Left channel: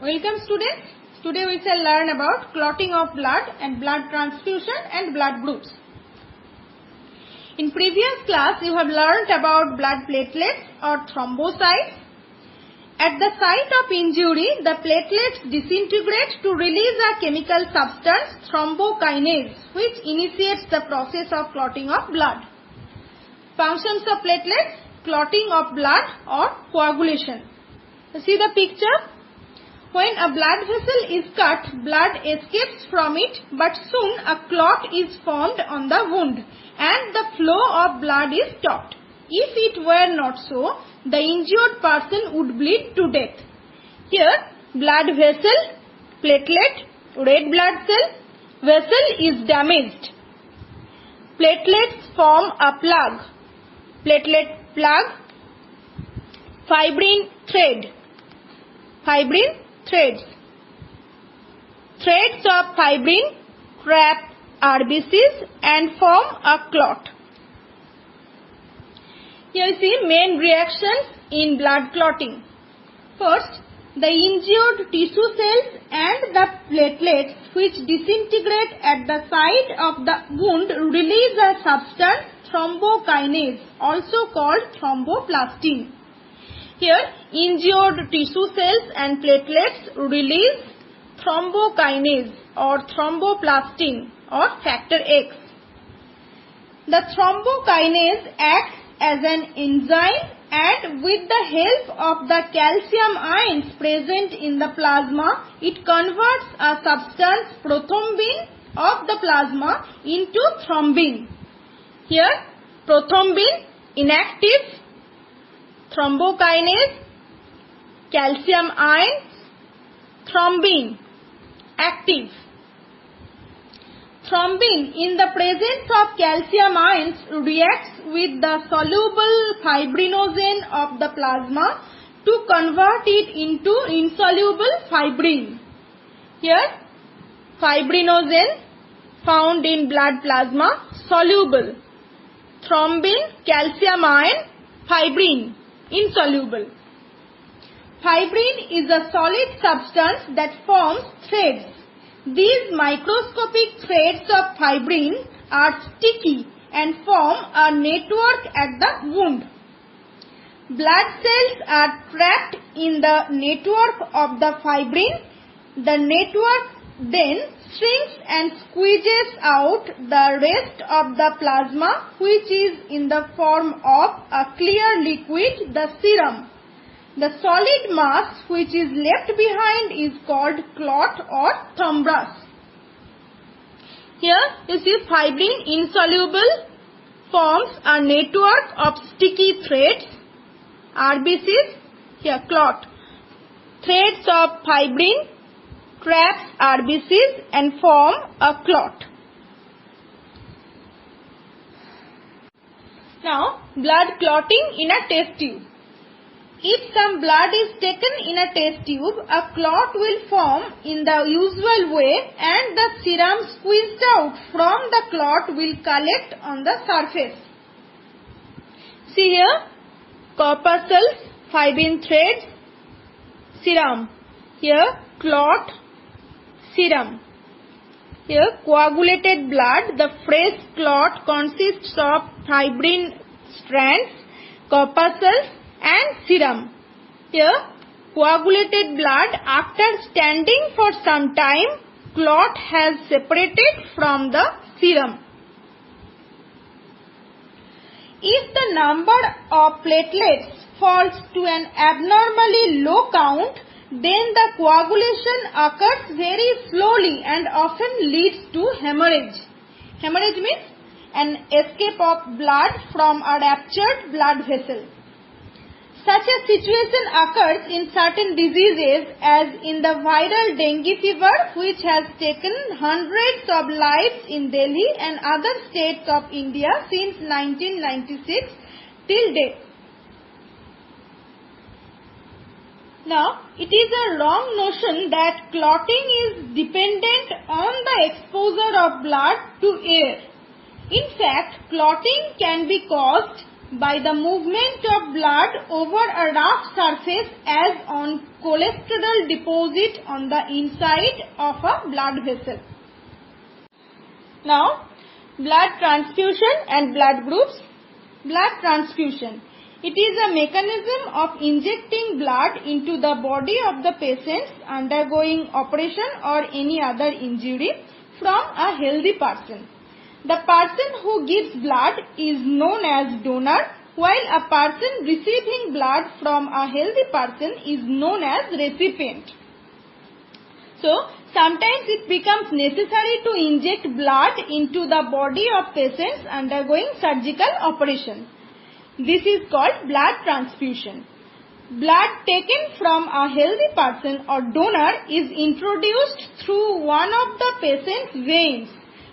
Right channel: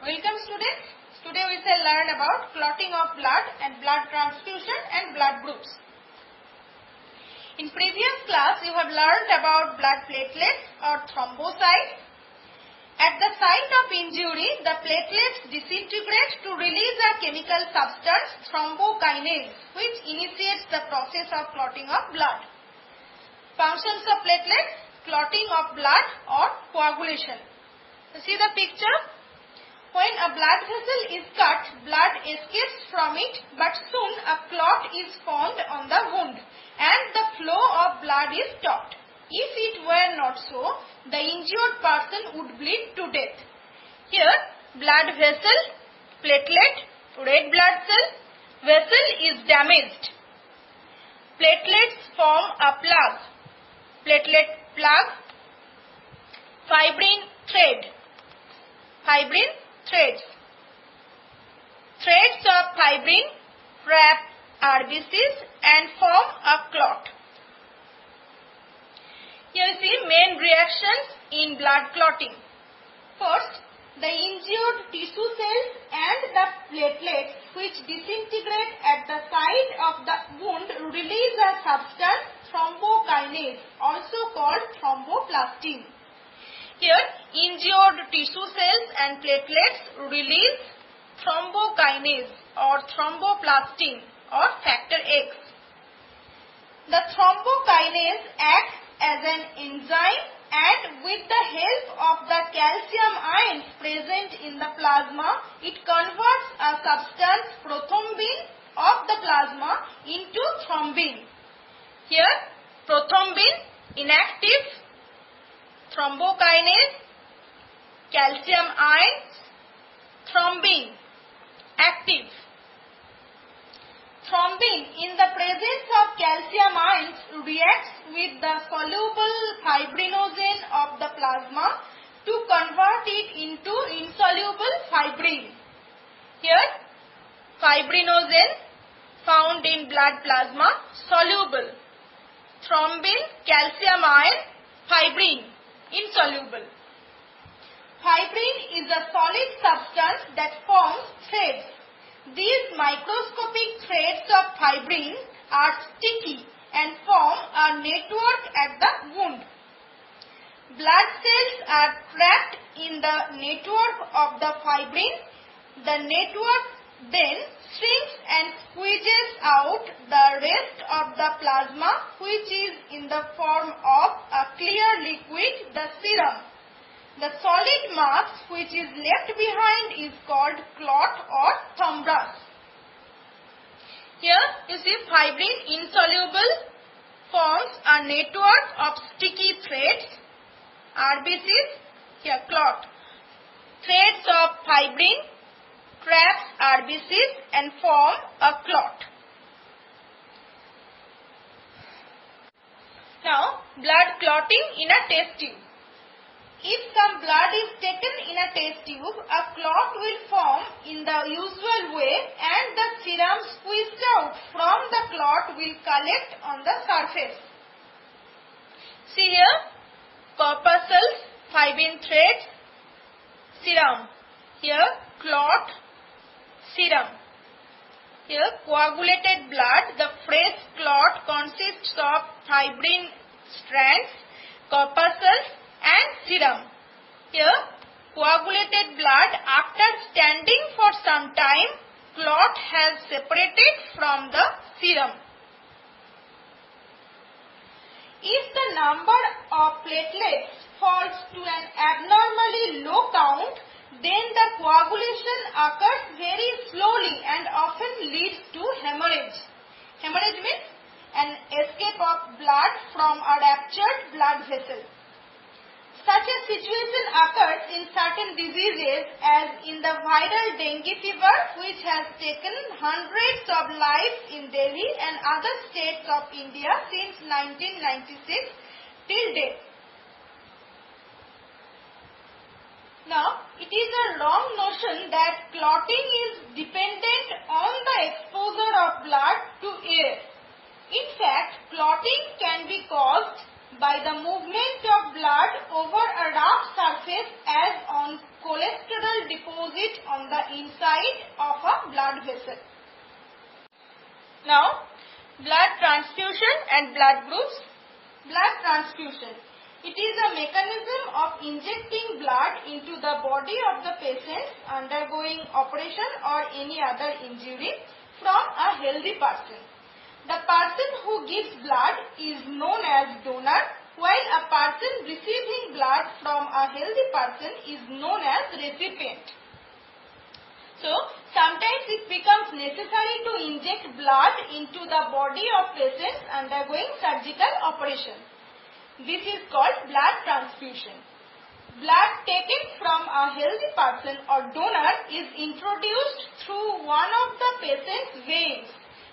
Welcome students. Today we shall learn about clotting of blood and blood transfusion and blood groups. In previous class you had learned about blood platelets or thrombocytes. At the site of injury, the platelets disintegrate to release a chemical substance, thrombokinase, which initiates the process of clotting of blood. Functions of platelets: clotting of blood or coagulation. You see the picture? When a blood vessel is cut, blood escapes from it, but soon a clot is formed on the wound and the flow of blood is stopped. If it were not so, the injured person would bleed to death. Here, blood vessel, platelet, red blood cell, vessel is damaged. Platelets form a plug. Platelet plug, fibrin thread. Fibrin threads. Threads of fibrin trap RBCs and form a clot. Here you see main reactions in blood clotting. First, the injured tissue cells and the platelets which disintegrate at the site of the wound release a substance, thrombokinase, also called thromboplastin. Here, injured tissue cells and platelets release thrombokinase or thromboplastin or factor X. The thrombokinase acts as an enzyme and with the help of the calcium ions present in the plasma, it converts a substance, prothrombin, of the plasma into thrombin. Here, prothrombin inactive, thrombokinase, calcium ions, thrombin active. Thrombin in the presence of calcium ions reacts with the soluble fibrinogen of the plasma to convert it into insoluble fibrin. Here, fibrinogen found in blood plasma, soluble. Thrombin, calcium ion, fibrin, insoluble. Fibrin is a solid substance that forms threads. These microscopic threads of fibrin are sticky and form a network at the wound. Blood cells are trapped in the network of the fibrin. The network then shrinks and squeezes out the rest of the plasma, which is in the form of a clear liquid, the serum. The solid mass which is left behind is called clot or thrombus. Here you see fibrin insoluble forms a network of sticky threads, RBCs, here clot. Threads of fibrin traps RBCs and form a clot. Now, blood clotting in a test tube. If some blood is taken in a test tube, a clot will form in the usual way and the serum squeezed out from the clot will collect on the surface. See here, corpuscles, fibrin threads, serum. Here, clot, serum. Here, coagulated blood. The fresh clot consists of fibrin strands, corpuscles and serum. Here, coagulated blood, after standing for some time, clot has separated from the serum. If the number of platelets falls to an abnormally low count, then the coagulation occurs very slowly and often leads to hemorrhage. Hemorrhage means an escape of blood from a ruptured blood vessel. Such a situation occurs in certain diseases as in the viral dengue fever, which has taken hundreds of lives in Delhi and other states of India since 1996 till date. Now, it is a wrong notion that clotting is dependent on the exposure of blood to air. In fact, clotting can be caused by the movement of blood over a rough surface as on cholesterol deposit on the inside of a blood vessel. Now, blood transfusion and blood groups. Blood transfusion. It is a mechanism of injecting blood into the body of the patient undergoing operation or any other injury from a healthy person. The person who gives blood is known as donor, while a person receiving blood from a healthy person is known as recipient. So, sometimes it becomes necessary to inject blood into the body of patients undergoing surgical operation. This is called blood transfusion. Blood taken from a healthy person or donor is introduced through one of the patient's veins.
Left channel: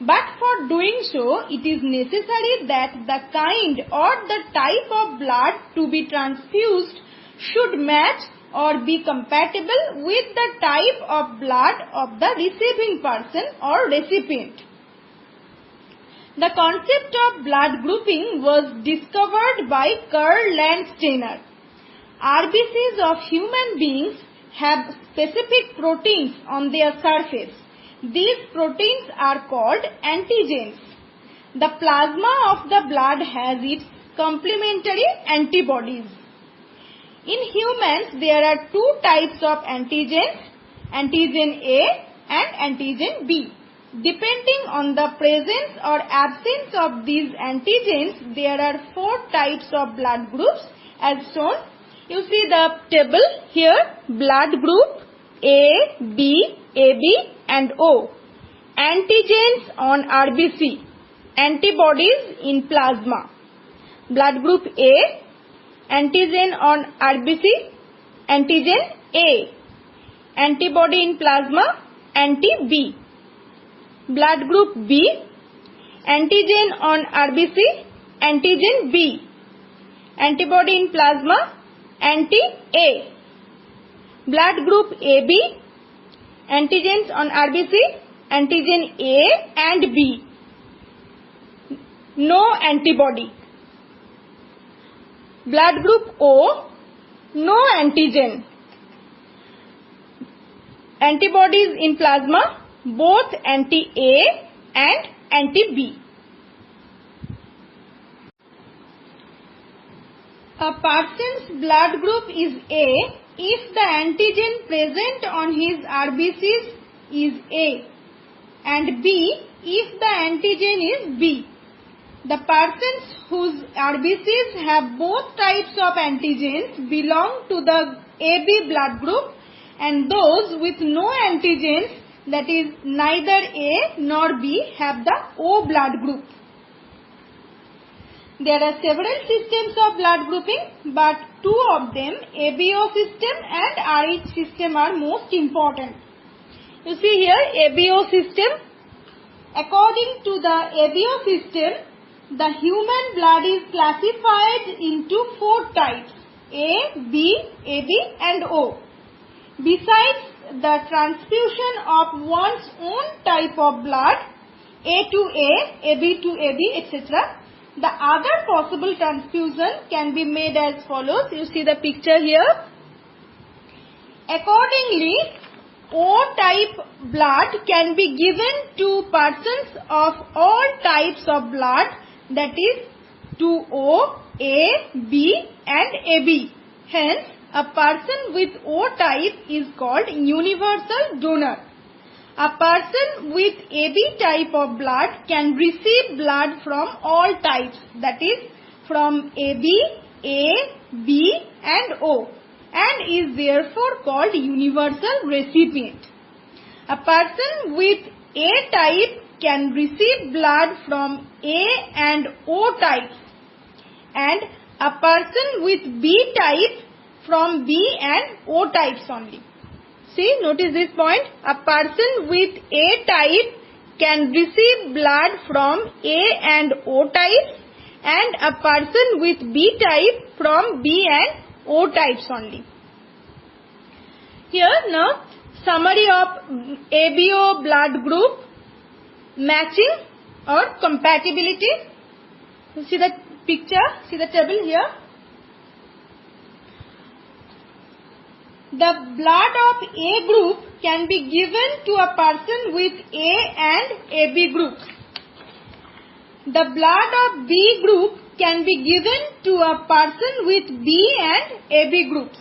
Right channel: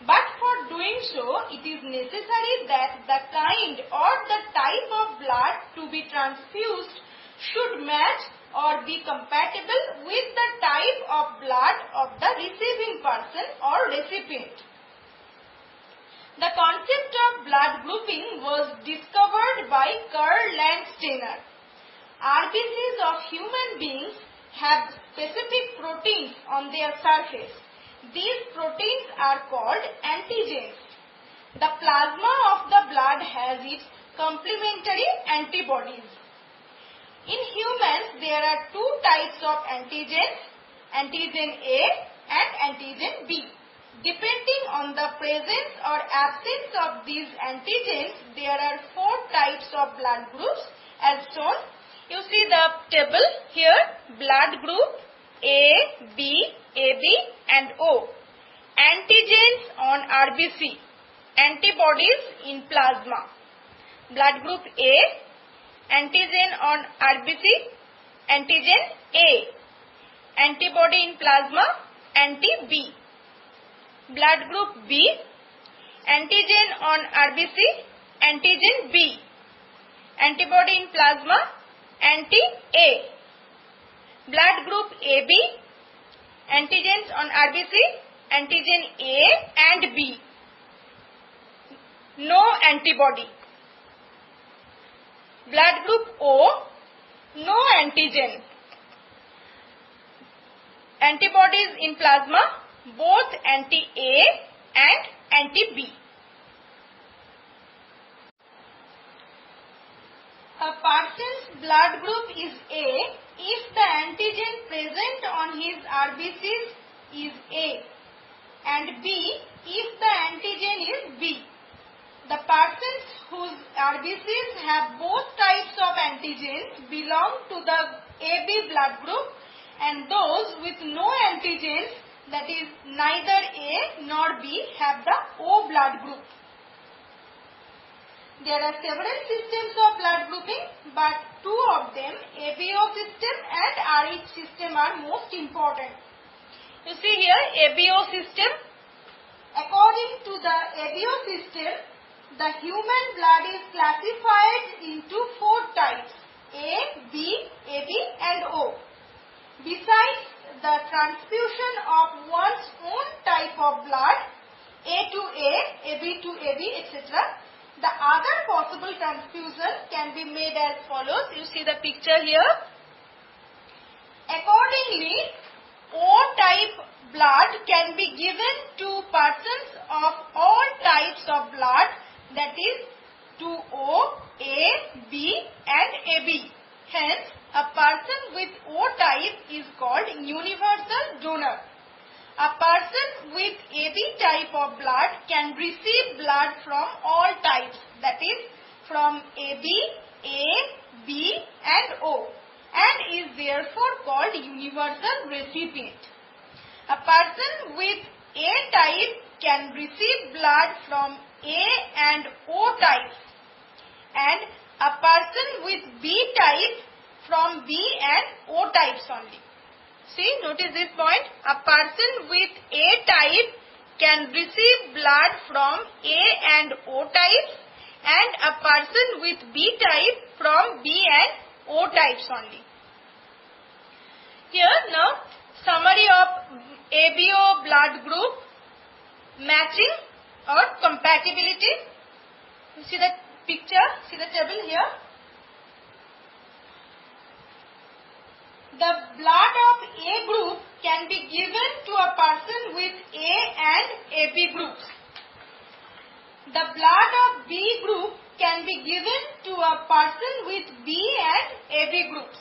But for doing so, it is necessary that the kind or the type of blood to be transfused should match or be compatible with the type of blood of the receiving person or recipient. The concept of blood grouping was discovered by Karl Landsteiner. RBCs of human beings have specific proteins on their surface. These proteins are called antigens. The plasma of the blood has its complementary antibodies. In humans, there are two types of antigens, antigen A and antigen B. Depending on the presence or absence of these antigens, there are four types of blood groups as shown. You see the table here, blood group A, B, AB and O. Antigens on RBC, antibodies in plasma. Blood group A, antigen on RBC, antigen A. Antibody in plasma, anti-B. Blood group B, antigen on RBC, antigen B. Antibody in plasma, anti-A. Blood group AB, antigens on RBC, antigen A and B. No antibody. Blood group O, no antigen. Antibodies in plasma, both anti-A and anti-B. A person's blood group is A if the antigen present on his RBCs is A, and B if the antigen is B. The persons whose RBCs have both types of antigens belong to the AB blood group, and those with no antigens, that is neither A nor B, have the O blood group. There are several systems of blood grouping, but two of them, ABO system and RH system, are most important. You see here ABO system. According to the ABO system, the human blood is classified into four types: A, B, AB and O. Besides the transfusion of one's own type of blood, A to A, AB to AB, etc., the other possible transfusion can be made as follows. You see the picture here. Accordingly, O-type blood can be given to persons of all types of blood, that is to O, A, B and AB. Hence, a person with O-type is called universal donor. A person with AB type of blood can receive blood from all types, that is from AB, A, B and O, and is therefore called universal recipient. A person with A type can receive blood from A and O types, and a person with B type from B and O types only. See, notice this point. A person with A type can receive blood from A and O types, and a person with B type from B and O types only. Here now, summary of ABO blood group matching or compatibility. You see the picture, see the table here. The blood of A group can be given to a person with A and AB groups. The blood of B group can be given to a person with B and AB groups.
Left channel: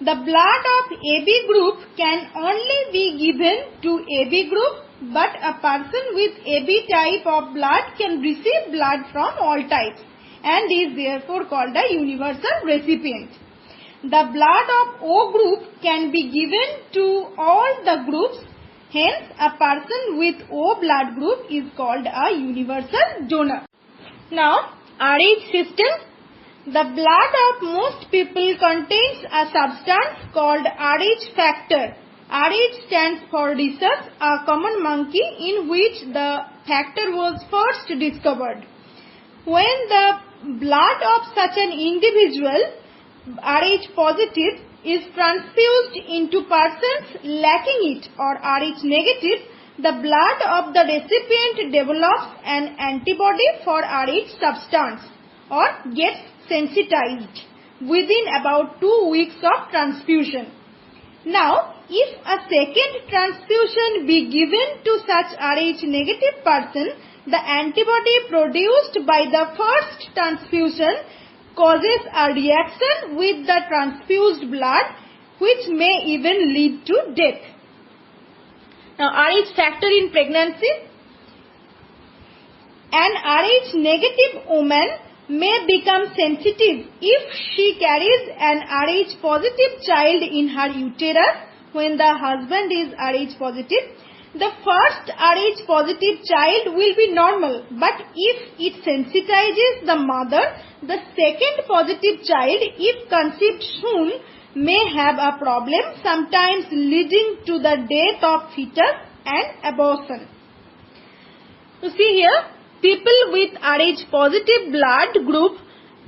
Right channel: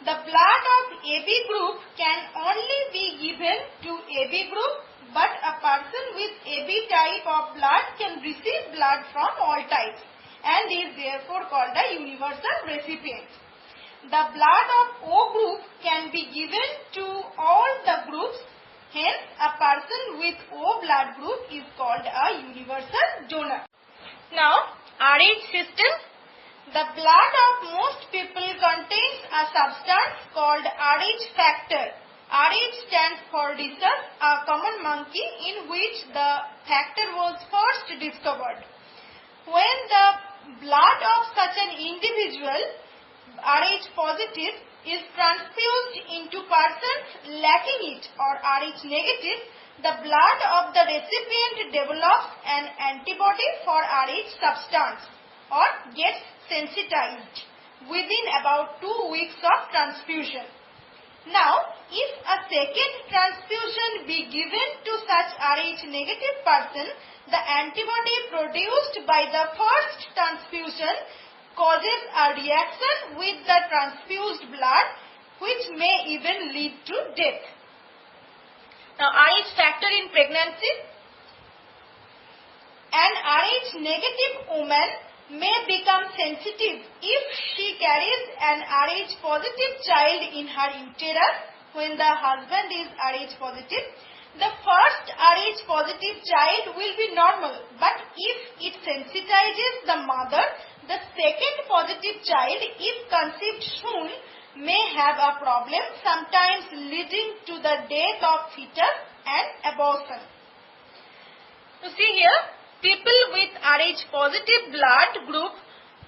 The blood of AB group can only be given to AB group, but a person with AB type of blood can receive blood from all types and is therefore called a universal recipient. The blood of O group can be given to all the groups. Hence, a person with O blood group is called a universal donor. Now, RH system. The blood of most people contains a substance called RH factor. RH stands for rhesus, a common monkey in which the factor was first discovered. When the blood of such an individual, RH positive, is transfused into persons lacking it or RH negative, the blood of the recipient develops an antibody for RH substance or gets sensitized within about 2 weeks of transfusion. Now, if a second transfusion be given to such RH negative person, the antibody produced by the first transfusion causes a reaction with the transfused blood, which may even lead to death. Now, RH factor in pregnancy. An RH negative woman may become sensitive if she carries an RH positive child in her uterus when the husband is RH positive. The first RH positive child will be normal, but if it sensitizes the mother, the second positive child, if conceived soon, may have a problem, sometimes leading to the death of fetus and abortion. You see here, people with RH positive blood group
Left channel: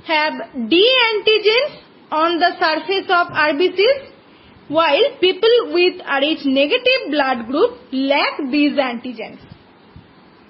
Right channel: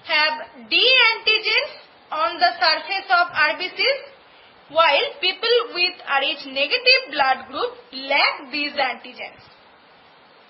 have D antigens on the surface of RBCs, while people with RH negative blood group lack these antigens.